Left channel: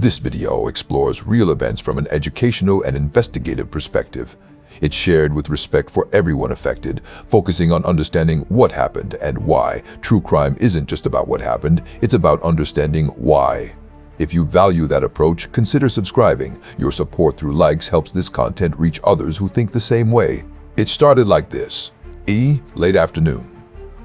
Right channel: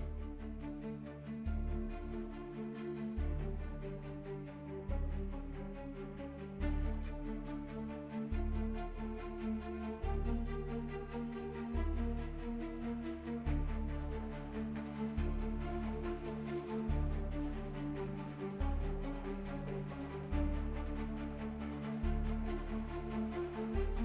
This video explores real events from an educational and investigative perspective. It's shared with respect for everyone affected, focusing on understanding what happened and why. True crime isn't just about what happened, it's about understanding why. If you value that approach, consider subscribing. Your support through likes helps this content reach others who think the same way. It started like this. Late afternoon.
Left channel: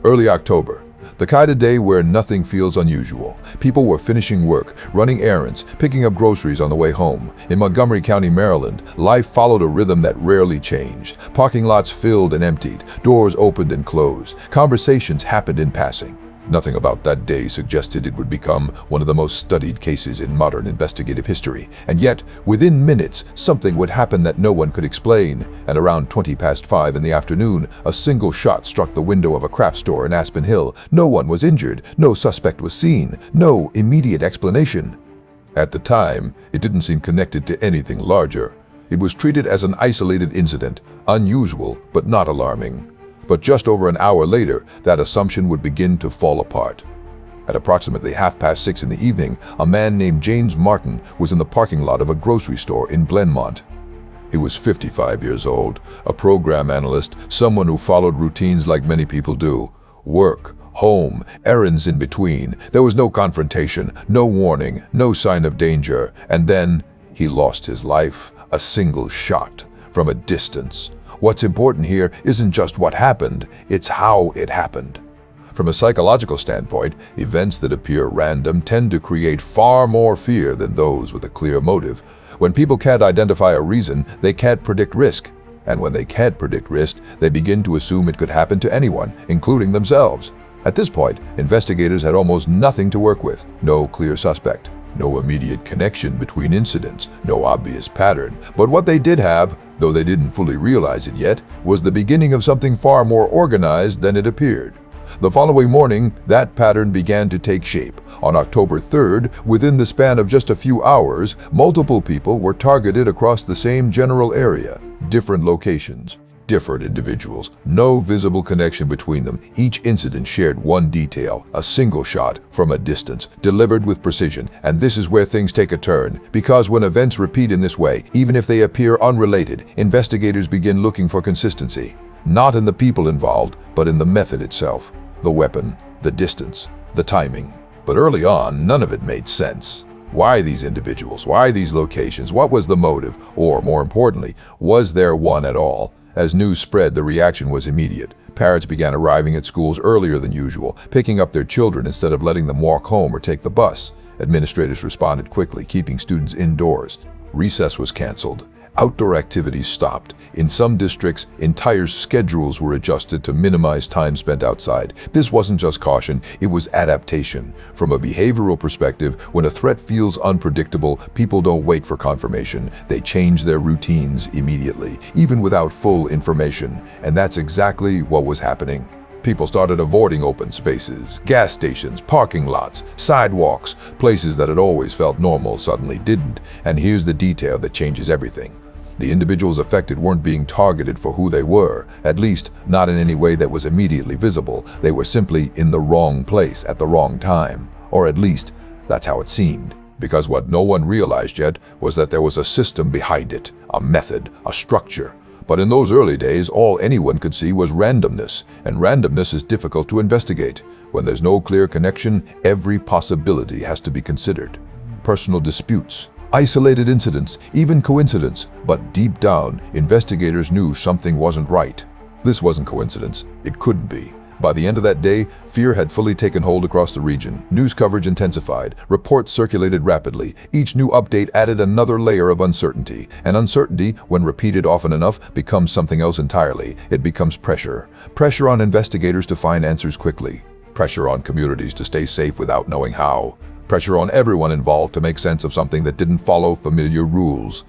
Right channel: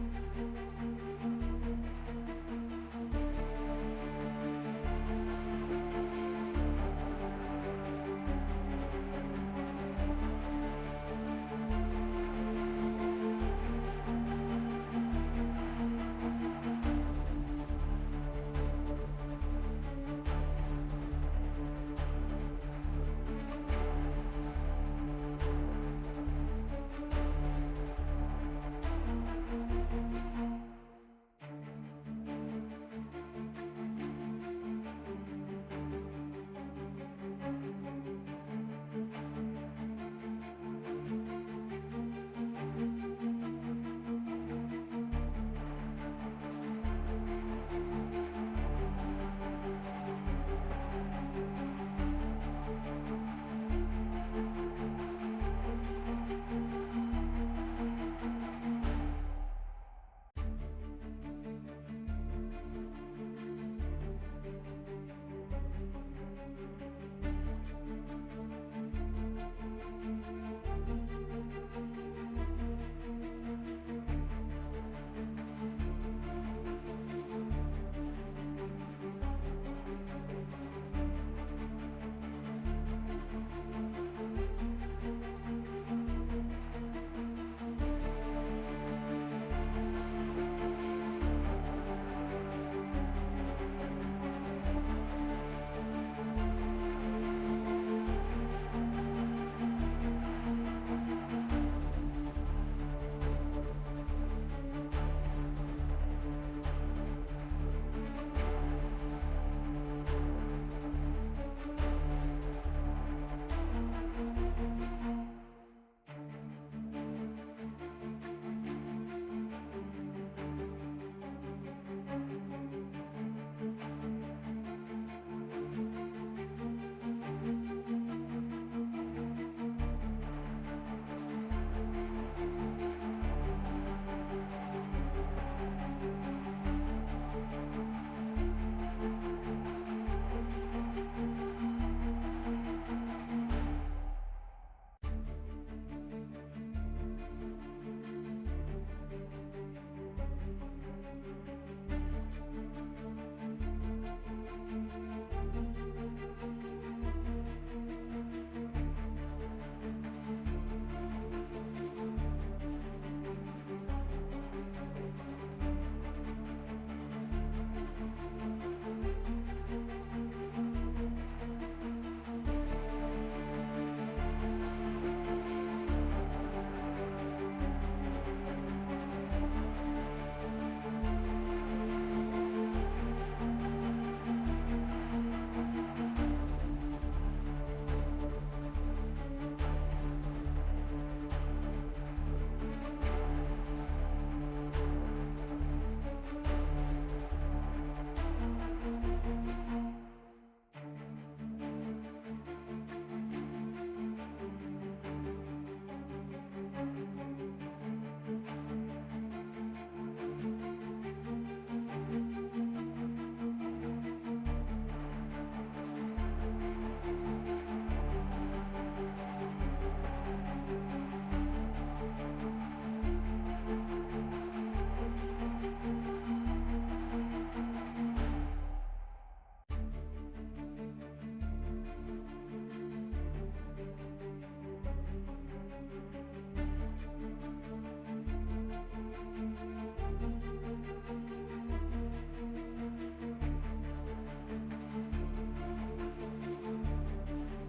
Early October. The kind of day where nothing feels unusual. People were finishing work, running errands, picking up groceries on the way home. In Montgomery County, Maryland, life followed a rhythm that rarely changed. Parking lots filled and emptied, doors opened and closed, conversations happened in passing. Nothing about that day suggested it would become one of the most studied cases in modern investigative history. And yet, within minutes, something would happen that no one could explain. And around 5:20 in the afternoon, a single shot struck the window of a craft store in Aspen Hill. No one was injured, no suspect was seen, no immediate explanation. At the time, it didn't seem connected to anything larger. It was treated as an isolated incident, unusual but not alarming. But just over an hour later, that assumption would begin to fall apart. At approximately 6:30 in the evening, a man named James Martin was in the parking lot of a grocery store in Glenmont. He was 55 years old, a program analyst, someone who followed routines like many people do. Work, home, errands in between. There was no confrontation, no warning, no sign of danger. And then he lost his life, a single shot, from a distance. What's important here isn't just what happened, it's how it happened. From a psychological standpoint, events that appear random tend to create far more fear than those with a clear motive. When people can't identify a reason, they can't predict risk. And when they can't predict risk, they begin to assume it could happen to anyone, including themselves. At this point, investigators had almost nothing to work with. No clear suspect, no immediate connection between incidents, no obvious pattern. But what they did have, though they didn't fully realize it yet, was the beginning of something far more organized than it appeared. The following morning, that pattern began to take shape. On October 3rd, within the span of just a few hours, multiple people were targeted across the same general area, different locations. Different individuals, no visible connection between them. Each incident shared one detail, a single shot from a distance, delivered with precision. And this is where things take a turn, because when events repeat in this way, even if they appear unrelated, investigators begin looking for consistency. Not in the people involved, but in the method itself. The weapon, the distance, the timing. But early on, none of it made sense. Why these individuals? Why these locations? What was the motive? Or, more importantly, was there one at all? As news spread, the reaction was immediate. Parents began arriving at schools earlier than usual, picking up their children instead of letting them walk home or take the bus. Administrators responded quickly, keeping students indoors. Recess was canceled. Outdoor activities stopped. In some districts, entire schedules were adjusted to minimize time spent outside. This wasn't just caution, it was adaptation. From a behavioral perspective, when a threat feels unpredictable, people don't wait for confirmation. They change their routines immediately, even without full information. And that's exactly what was happening. People started avoiding open spaces, gas stations, parking lots, sidewalks. Places that had always felt normal suddenly didn't. And here's the detail that changes everything. The individuals affected weren't being targeted for who they were, at least not in any way that was immediately visible. They were simply in the wrong place at the wrong time. Or at least, that's how it seemed. Because what no one realized yet was that there was a system behind it, a method, a structure. But in those early days, all anyone could see was randomness, and randomness is difficult to investigate. When there's no clear connection, every possibility has to be considered. Personal disputes, isolated incidents, even coincidence. But deep down, investigators knew something wasn't right. This wasn't coincidence. It couldn't be. By the end of that day, fear had fully taken hold across the region. News coverage intensified. Reports circulated rapidly. Each new update added another layer of uncertainty. And uncertainty, when repeated often enough, becomes something else entirely. It becomes pressure. Pressure on investigators to find answers quickly. Pressure on communities to stay safe without knowing how. Pressure on everyone involved to make sense of something that didn't follow familiar rules.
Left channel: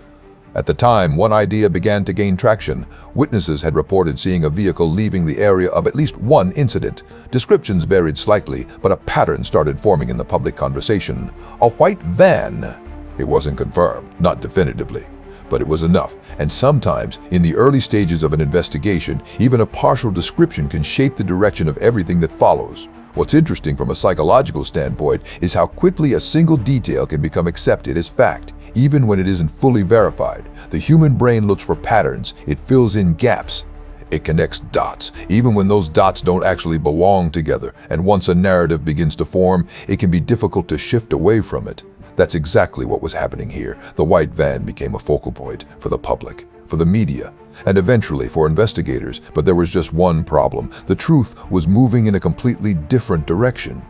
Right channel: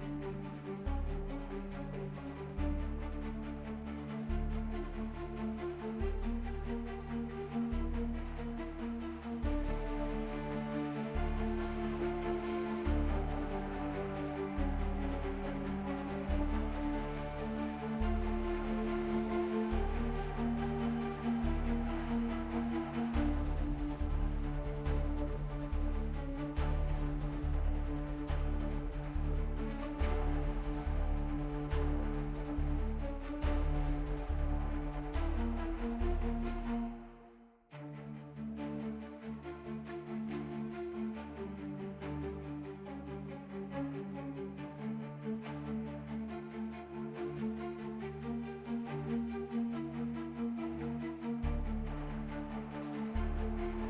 At the time, one idea began to gain traction. Witnesses had reported seeing a vehicle leaving the area of at least one incident. Descriptions varied slightly, but a pattern started forming in the public conversation. A white van. It wasn't confirmed, not definitively, but it was enough. And sometimes, in the early stages of an investigation, even a partial description can shape the direction of everything that follows. What's interesting from a psychological standpoint is how quickly a single detail can become accepted as fact, even when it isn't fully verified. The human brain looks for patterns, it fills in gaps, it connects dots, even when those dots don't actually belong together. And once a narrative begins to form, it can be difficult to shift away from it. That's exactly what was happening here. The white van became a focal point for the public, for the media, and eventually for investigators. But there was just one problem. The truth was moving in a completely different direction.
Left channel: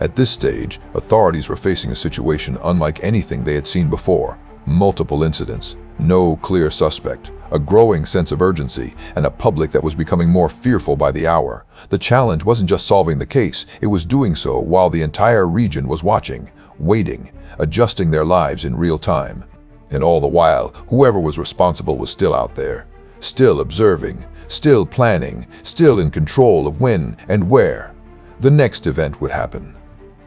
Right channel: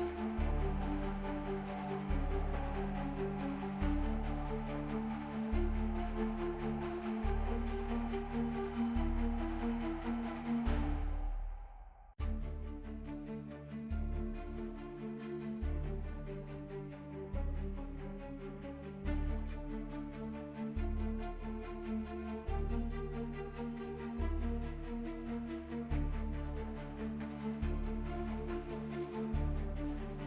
At this stage, authorities were facing a situation unlike anything they had seen before. Multiple incidents, no clear suspect, a growing sense of urgency, and a public that was becoming more fearful by the hour. The challenge wasn't just solving the case, it was doing so while the entire region was watching, waiting, adjusting their lives in real time. And all the while, whoever was responsible was still out there, still observing, still planning, still in control of when and where the next event would happen.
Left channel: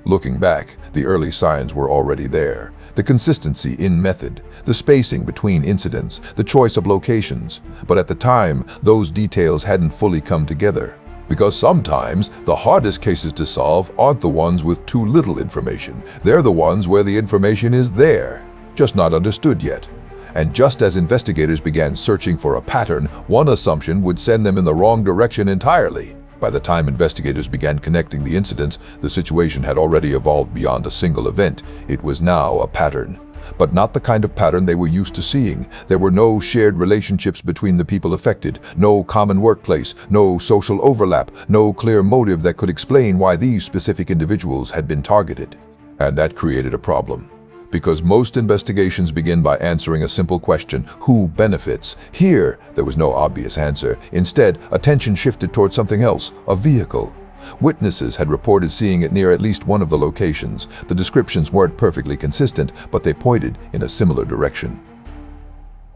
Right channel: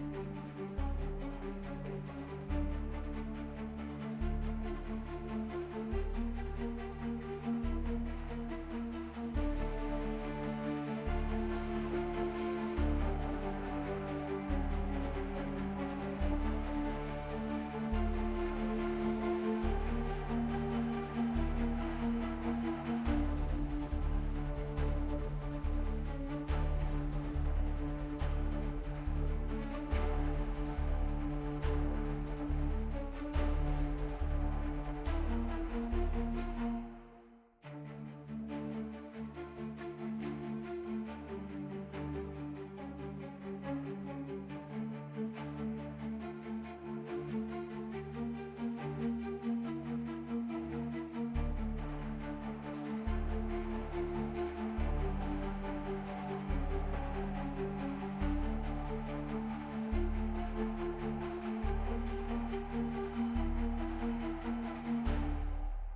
Looking back, the early signs were already there. The consistency in method, the spacing between incidents, the choice of locations. But at the time, those details hadn't fully come together. Because sometimes, the hardest cases to solve aren't the ones with too little information. They're the ones where the information is there, just not understood yet. And just as investigators began searching for a pattern, one assumption would send them in the wrong direction entirely. By the time investigators began connecting the incidents, the situation had already evolved beyond a single event. It was now a pattern. But not the kind of pattern they were used to seeing. There were no shared relationships between the people affected, no common workplace, no social overlap, no clear motive that could explain why these specific individuals had been targeted. And that created a problem. Because most investigations begin by answering a simple question: who benefits? Here, there was no obvious answer. Instead, attention shifted toward something else: a vehicle. Witnesses had reported seeing it near at least one of the locations. The descriptions weren't perfectly consistent, but they pointed in a similar direction.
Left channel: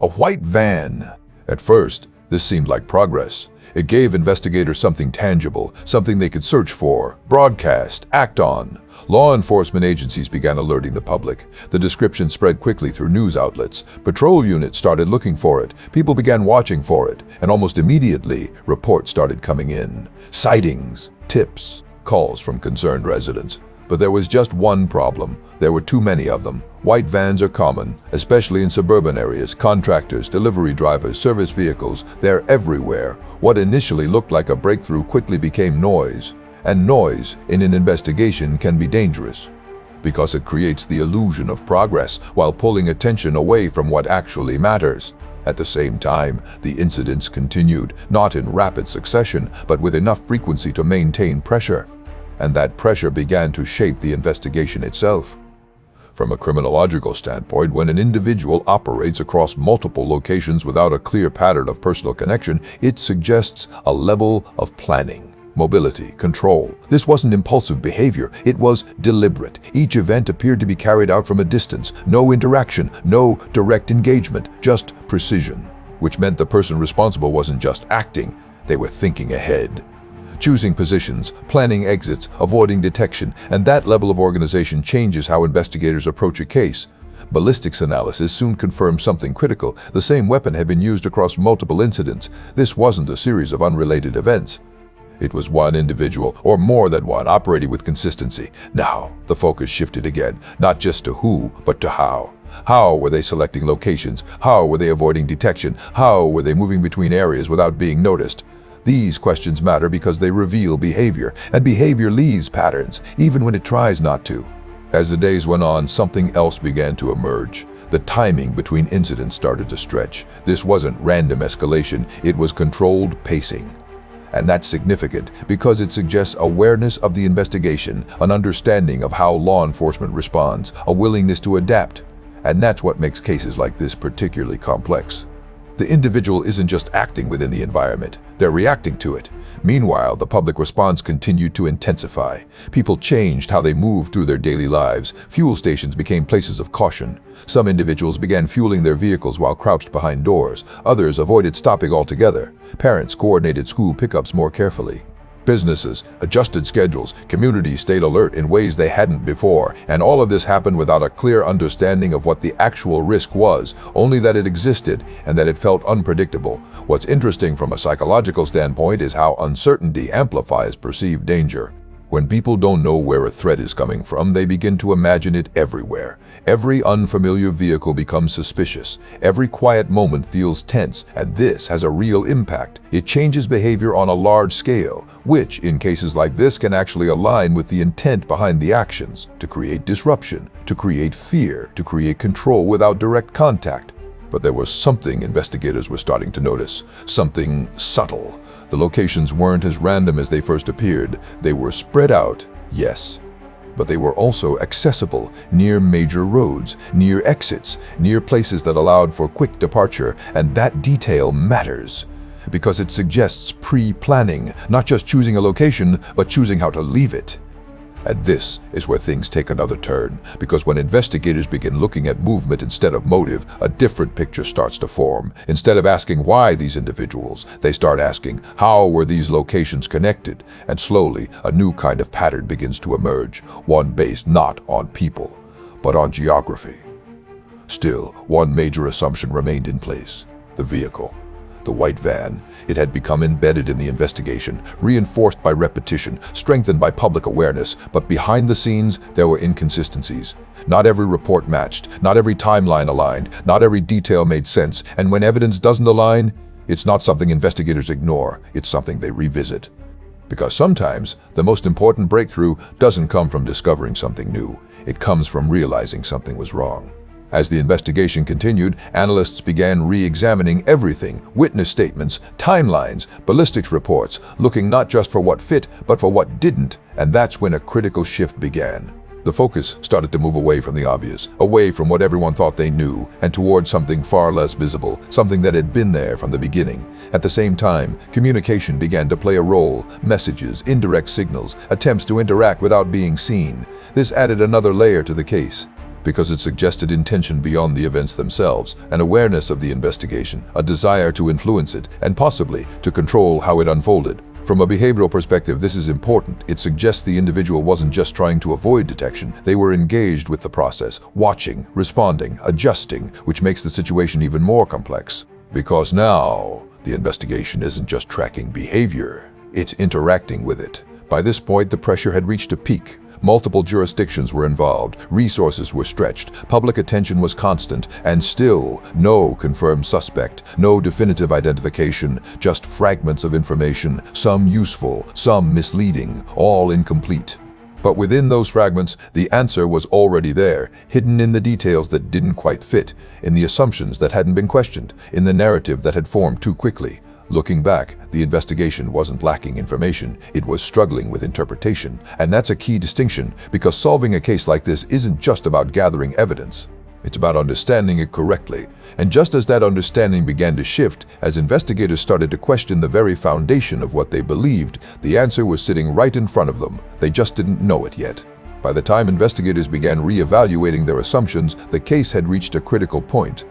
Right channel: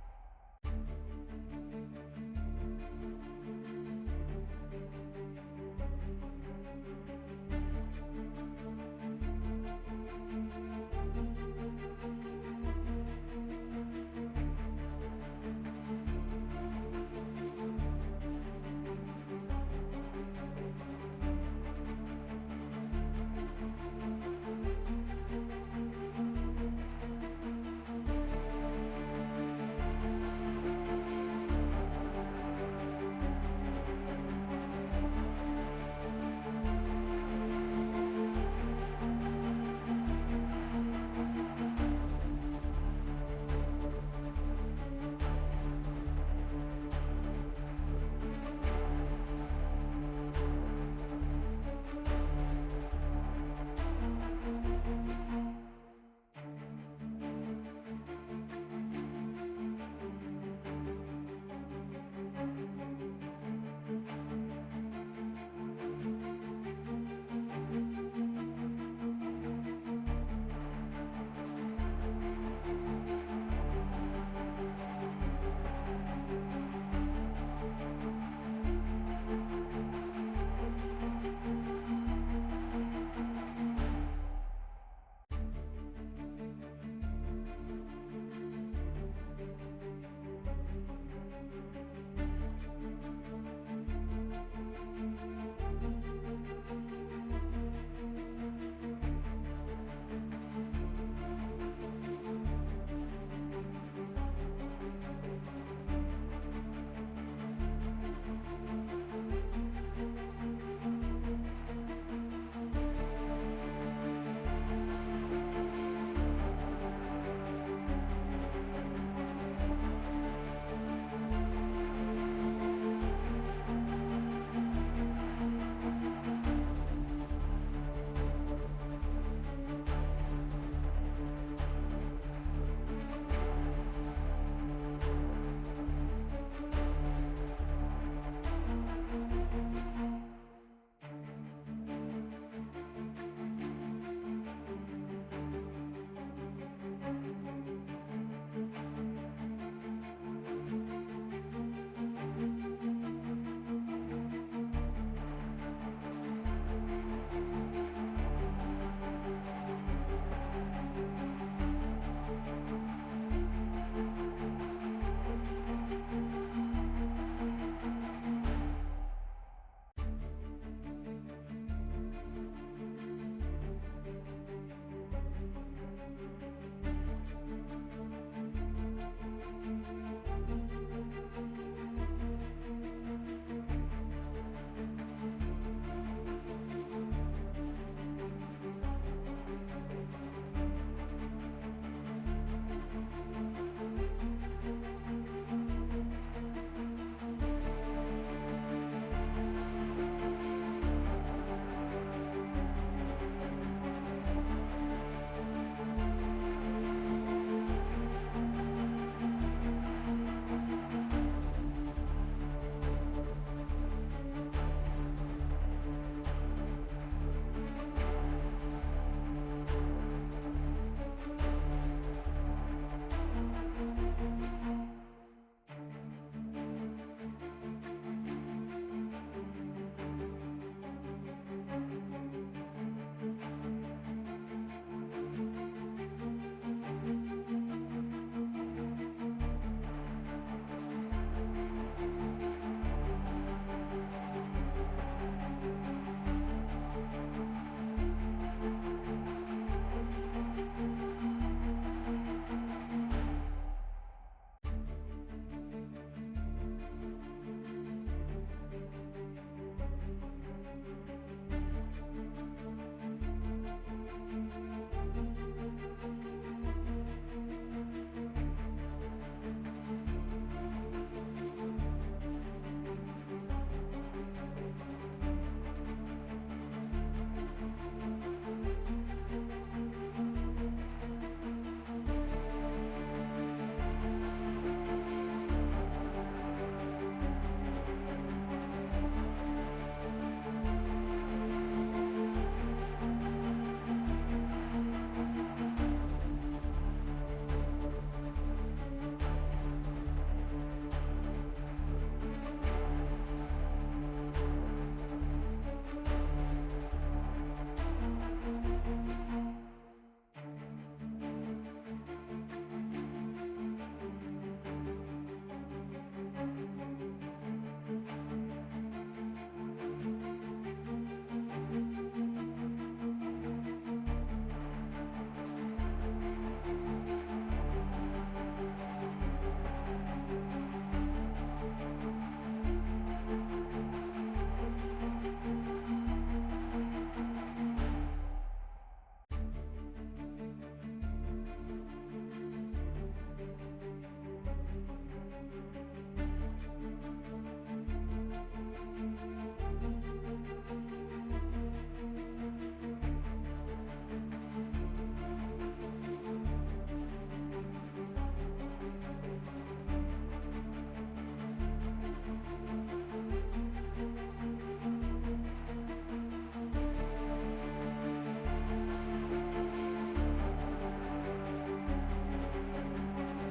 A white van. At first, this seemed like progress. It gave investigators something tangible, something they could search for, broadcast, act on. Law enforcement agencies began alerting the public. The description spread quickly through news outlets. Patrol units started looking for it. People began watching for it. And almost immediately, reports started coming in. Sightings, tips, calls from concerned residents. But there was just one problem. There were too many of them. White vans are common, especially in suburban areas. Contractors, delivery drivers, service vehicles, they're everywhere. What initially looked like a breakthrough quickly became noise. And noise in an investigation can be dangerous, because it creates the illusion of progress while pulling attention away from what actually matters. At the same time, the incidents continued, not in rapid succession, but with enough frequency to maintain pressure. And that pressure began to shape the investigation itself. From a criminological standpoint, when an individual operates across multiple locations without a clear pattern of personal connection, it suggests a level of planning, mobility, control. This wasn't impulsive behavior, it was deliberate. Each event appeared to be carried out from a distance. No interaction, no direct engagement, just precision. Which meant the person responsible wasn't just acting, they were thinking ahead. Choosing positions, planning exits, avoiding detection, and that level of organization changes how investigators approach a case. Ballistics analysis soon confirmed something critical. The same weapon had been used across multiple incidents. This wasn't a series of unrelated events. It was one individual, or more than one, operating with consistency. Now, the focus shifted again, not just to who, but to how. How were they selecting locations? How were they avoiding detection? How were they moving between areas without being noticed? These questions matter because they reveal behavior, and behavior leaves patterns, even when it tries not to. As the days went on, something else began to emerge. The timing between incidents started to stretch. This wasn't random escalation, it was controlled pacing. And that's significant because it suggests awareness of the investigation, an understanding of how law enforcement responds, a willingness to adapt. And that's what makes cases like this particularly complex. The individual isn't just acting within the environment, they're reacting to it. Meanwhile, the public response continued to intensify. People changed how they moved through their daily lives. Fuel stations became places of caution. Some individuals began fueling their vehicles while crouched behind doors. Others avoided stopping altogether. Parents coordinated school pickups more carefully. Businesses adjusted schedules. Communities stayed alert in ways they hadn't before. And all of this happened without a clear understanding of what the actual risk was, only that it existed and that it felt unpredictable. What's interesting from a psychological standpoint is how uncertainty amplifies perceived danger. When people don't know where a threat is coming from, they begin to imagine it everywhere. Every unfamiliar vehicle becomes suspicious. Every quiet moment feels tense, and this has a real impact. It changes behavior on a large scale, which, in cases like this, can actually align with the intent behind the actions, to create disruption, to create fear, to create control without direct contact. But there was something investigators were starting to notice, something subtle. The locations weren't as random as they first appeared. They were spread out, yes, but they were also accessible, near major roads, near exits, near places that allowed for quick departure, and that detail matters because it suggests pre-planning, not just choosing a location, but choosing how to leave it. And this is where things take another turn, because when investigators begin looking at movement instead of motive, a different picture starts to form. Instead of asking why these individuals, they start asking how were these locations connected, and slowly a new kind of pattern begins to emerge, one based not on people, but on geography. Still, one major assumption remained in place: the vehicle. The white van. It had become embedded in the investigation, reinforced by repetition, strengthened by public awareness, but behind the scenes, there were inconsistencies. Not every report matched, not every timeline aligned, not every detail made sense, and when evidence doesn't align, it's not something investigators ignore, it's something they revisit. Because sometimes, the most important breakthrough doesn't come from discovering something new, it comes from realizing something was wrong. As the investigation continued, analysts began re-examining everything: witness statements, timelines, ballistics reports, looking not just for what fit, but for what didn't, and that's when a critical shift began. The focus started to move away from the obvious, away from what everyone thought they knew, and towards something far less visible, something that had been there from the beginning. At the same time, communication began to play a role: messages, indirect signals, attempts to interact without being seen. This added another layer to the case, because it suggested intention beyond the events themselves, an awareness of the investigation, a desire to influence it, and possibly to control how it unfolded. From a behavioral perspective, this is important. It suggests the individual wasn't just trying to avoid detection, they were engaged with the process, watching, responding, adjusting, which makes the situation even more complex. Because now, the investigation isn't just tracking behavior, it's interacting with it. By this point, the pressure had reached a peak. Multiple jurisdictions were involved, resources were stretched, public attention was constant, and still no confirmed suspect, no definitive identification, just fragments of information, some useful, some misleading, all incomplete. But within those fragments, the answer was already there, hidden in the details that didn't quite fit, in the assumptions that hadn't been questioned, in the narrative that had formed too quickly. Looking back, the investigation wasn't lacking information, it was struggling with interpretation. And that's a key distinction, because solving a case like this isn't just about gathering evidence. It's about understanding it correctly. And just as that understanding began to shift, as investigators started to question the very foundation of what they believed, the answer was sitting right in front of them. They just didn't know it yet. By the time investigators began re-evaluating their assumptions, the case had reached a critical point.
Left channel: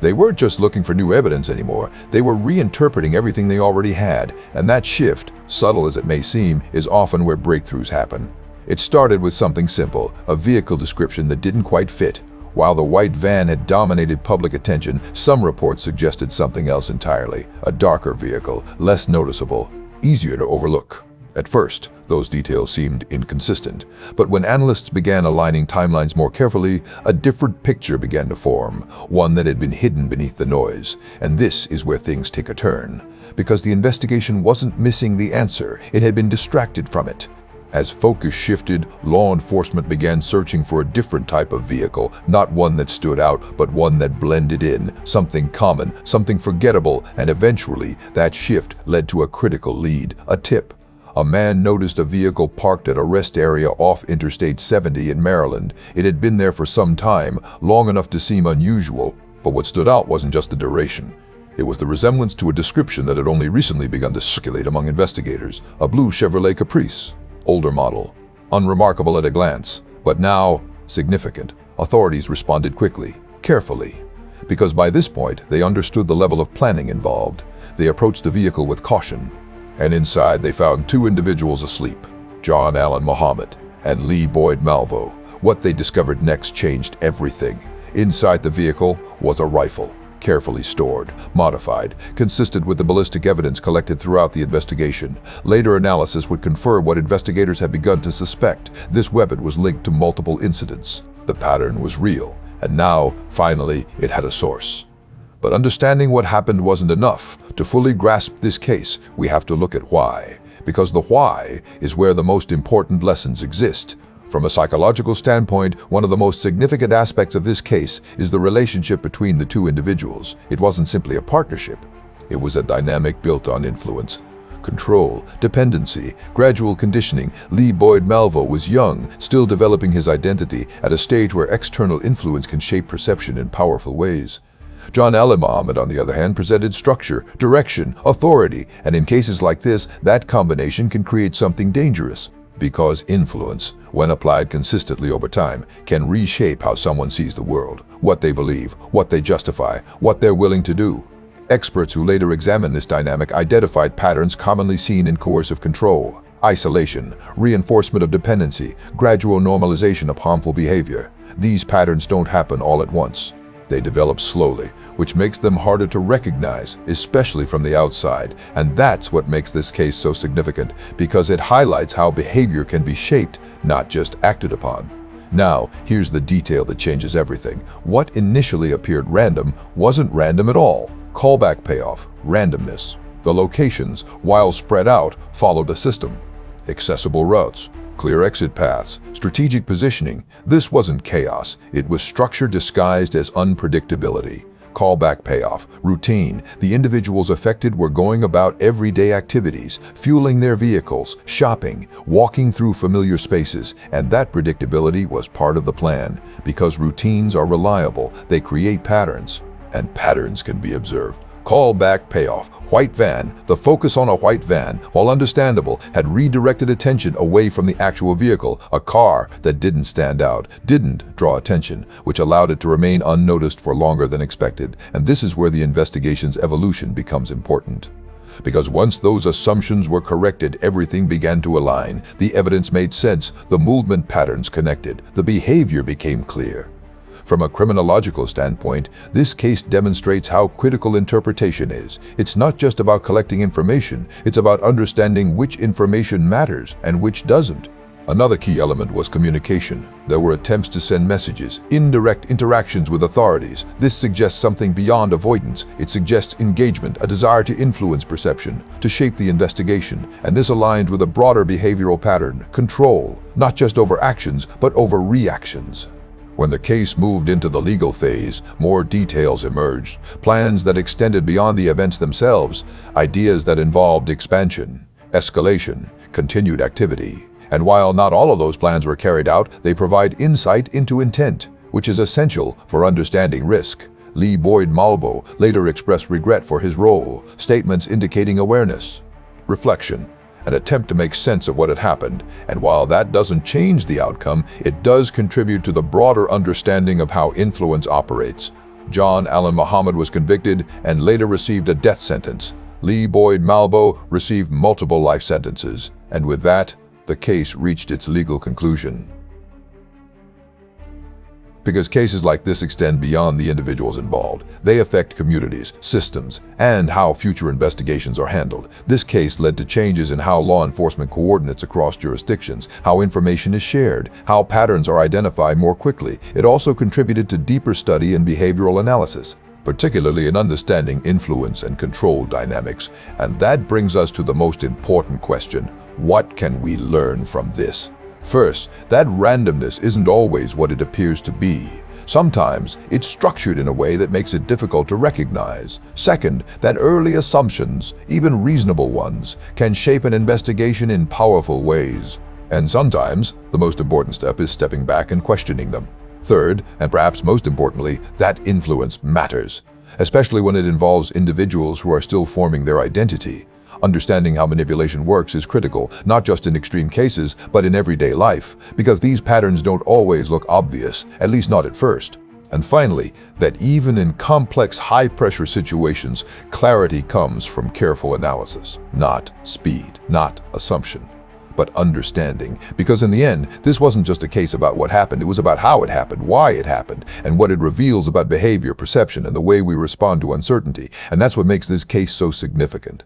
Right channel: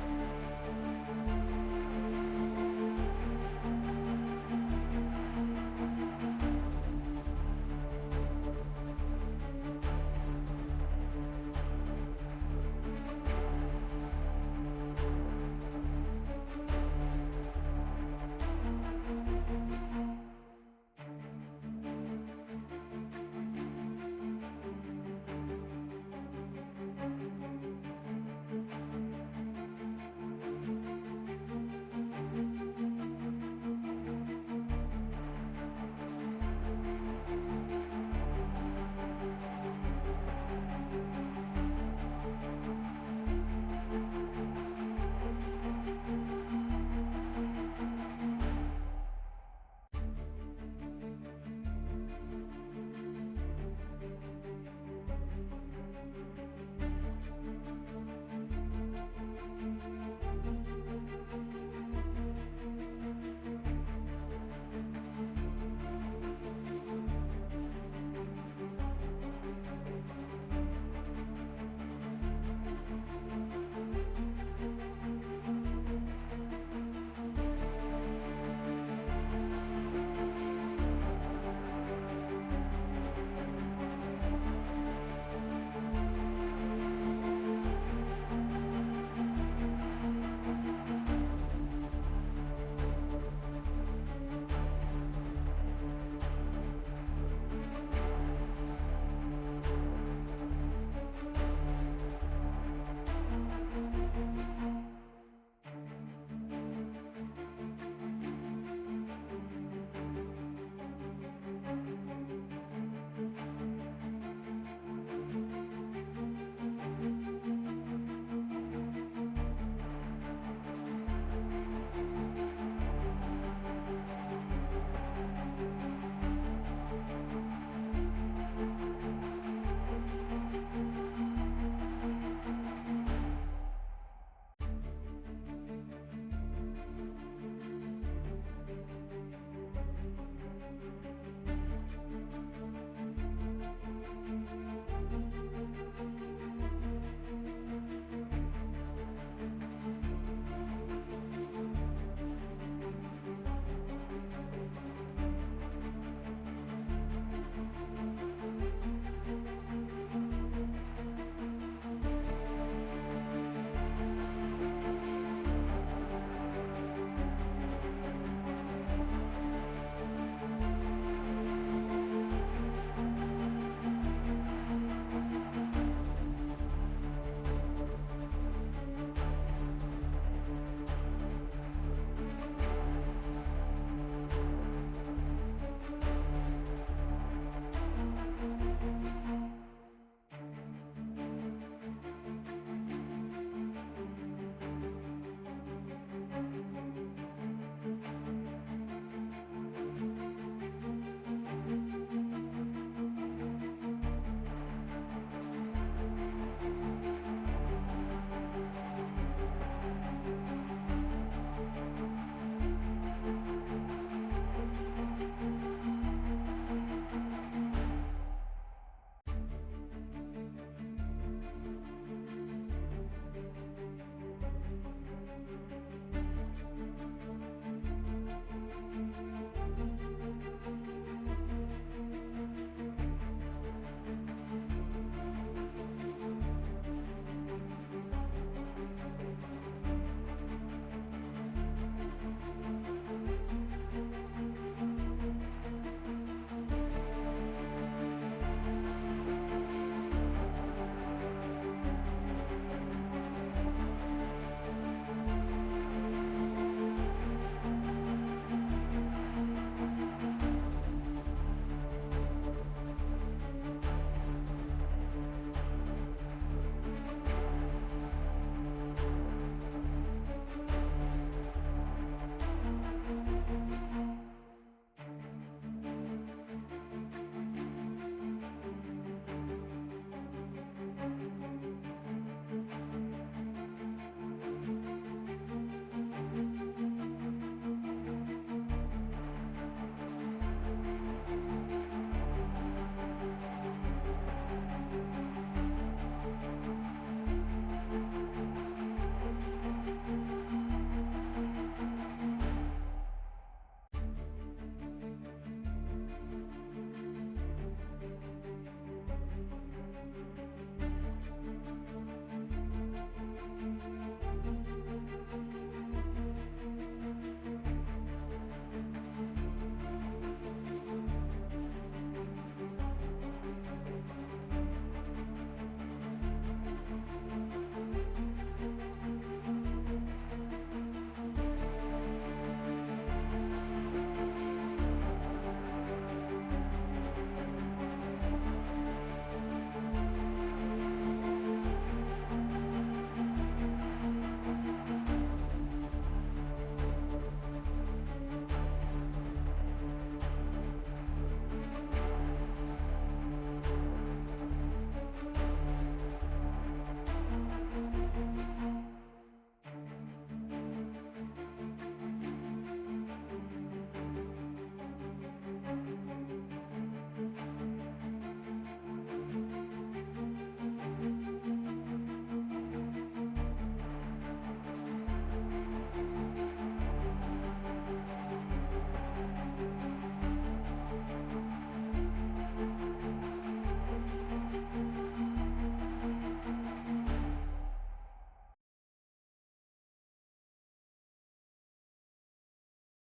They weren't just looking for new evidence anymore, they were reinterpreting everything they already had, and that shift, subtle as it may seem, is often where breakthroughs happen. It started with something simple, a vehicle description that didn't quite fit. While the white van had dominated public attention, some reports suggested something else entirely, a darker vehicle, less noticeable, easier to overlook. At first, those details seemed inconsistent, but when analysts began aligning timelines more carefully, a different picture began to form, one that had been hidden beneath the noise. And this is where things take a turn, because the investigation wasn't missing the answer, it had been distracted from it. As focus shifted, law enforcement began searching for a different type of vehicle, not one that stood out, but one that blended in, something common, something forgettable, and eventually that shift led to a critical lead, a tip. A man noticed a vehicle parked at a rest area off Interstate 70 in Maryland. It had been there for some time, long enough to seem unusual, but what stood out wasn't just the duration. It was the resemblance to a description that had only recently begun to circulate among investigators, a blue Chevrolet Caprice, older model, unremarkable at a glance, but now significant. Authorities responded quickly, carefully, because by this point they understood the level of planning involved. They approached the vehicle with caution, and inside they found two individuals asleep, John Allen Muhammad and Lee Boyd Malvo. What they discovered next changed everything. Inside the vehicle was a rifle, carefully stored, modified, consistent with the ballistic evidence collected throughout the investigation. Later analysis would confirm what investigators had begun to suspect. This weapon was linked to multiple incidents. The pattern was real, and now, finally, it had a source. But understanding what happened wasn't enough. To fully grasp this case, we have to look at why. Because the why is where the most important lessons exist. From a psychological standpoint, one of the most significant aspects of this case is the relationship between the two individuals. It wasn't simply a partnership. It was a dynamic built on influence, control, dependency, gradual conditioning. Lee Boyd Malvo was young, still developing his identity at a stage where external influence can shape perception in powerful ways. John Ali Muhammad, on the other hand, presented structure, direction, authority, and in cases like this, that combination can create something dangerous. Because influence, when applied consistently over time, can reshape how someone sees the world, what they believe, what they justify, what they're willing to do. Experts who later examined this dynamic identified patterns commonly seen in coercive control: isolation, reinforcement of dependency, gradual normalization of harmful behavior. These patterns don't happen all at once. They develop slowly, which makes them harder to recognize, especially from the outside. And that's what makes this case so significant, because it highlights how behavior can be shaped, not just acted upon. Now, here's the detail that changes everything. What initially appeared random wasn't random at all. Callback payoff, randomness. The locations, while spread out, followed a system. Accessible routes, clear exit paths, strategic positioning. This wasn't chaos. It was structure disguised as unpredictability. Callback payoff, routine. The individuals affected were going about everyday activities, fueling their vehicles, shopping, walking through familiar spaces, and that predictability was part of the plan. Because routines are reliable, they create patterns, and patterns can be observed. Callback payoff, white van. The focus on a white van, while understandable, had redirected attention away from the actual vehicle, a car that didn't stand out, didn't draw attention, which allowed it to remain unnoticed for longer than expected. And this is where the investigation's evolution becomes important. Because once those assumptions were corrected, everything began to align. The evidence made sense, the movement patterns connected, the behavior became clear. From a criminological standpoint, this case demonstrates how critical interpretation is. It's not just about collecting information, it's about understanding which information matters and which doesn't. Another key element was communication. There were attempts to send messages, indirect interactions with authorities. This suggests something beyond avoidance. It suggests engagement, a desire to influence perception, to shape the investigation. And this aligns with a broader behavioral pattern: control, not just over actions, but over reactions. When the case moved into the legal phase, more details emerged, plans that extended beyond the events themselves, ideas that involved expansion, escalation, continued activity. And while not all of those plans were carried out, they provide insight into intent, which is essential for understanding risk. Lee Boyd Malvo later expressed regret for his role, statements indicating awareness, reflection, an attempt to make sense of what had happened. And while that doesn't change the outcome, it does contribute to the broader understanding of how influence operates. John Ali Muhammad was convicted and later received a death sentence. Lee Boyd Malvo received multiple life sentences. And with that, the case reached its legal conclusion. Because cases like this extend beyond the individuals involved. They affect communities, systems, and how future investigations are handled. This case led to changes in how law enforcement coordinates across jurisdictions, how information is shared, how patterns are identified more quickly. It also contributed to deeper study and behavioral analysis, particularly in understanding influence and control dynamics. And that brings us to the most important question: what can we learn from this? First, that randomness isn't always what it appears to be. Sometimes it's structured in a way that makes it difficult to recognize. Second, that early assumptions, even reasonable ones, can shape an investigation in powerful ways. And sometimes, the most important step is stepping back and questioning them. Third, and perhaps most importantly, that influence matters, especially when it involves individuals who are still forming their identity. Understanding how manipulation works is critical, not just in extreme cases, but in everyday life, because these patterns don't always look obvious, at least not at first. And finally, that even in complex, high-pressure situations, clarity comes from careful analysis, not speed, not assumption. but understanding. Because in the end, this wasn't just a case about what happened, it was about how it happened, why it happened, and what it reveals about behavior, perception, and the way we respond to uncertainty. And that's what makes this case so significant.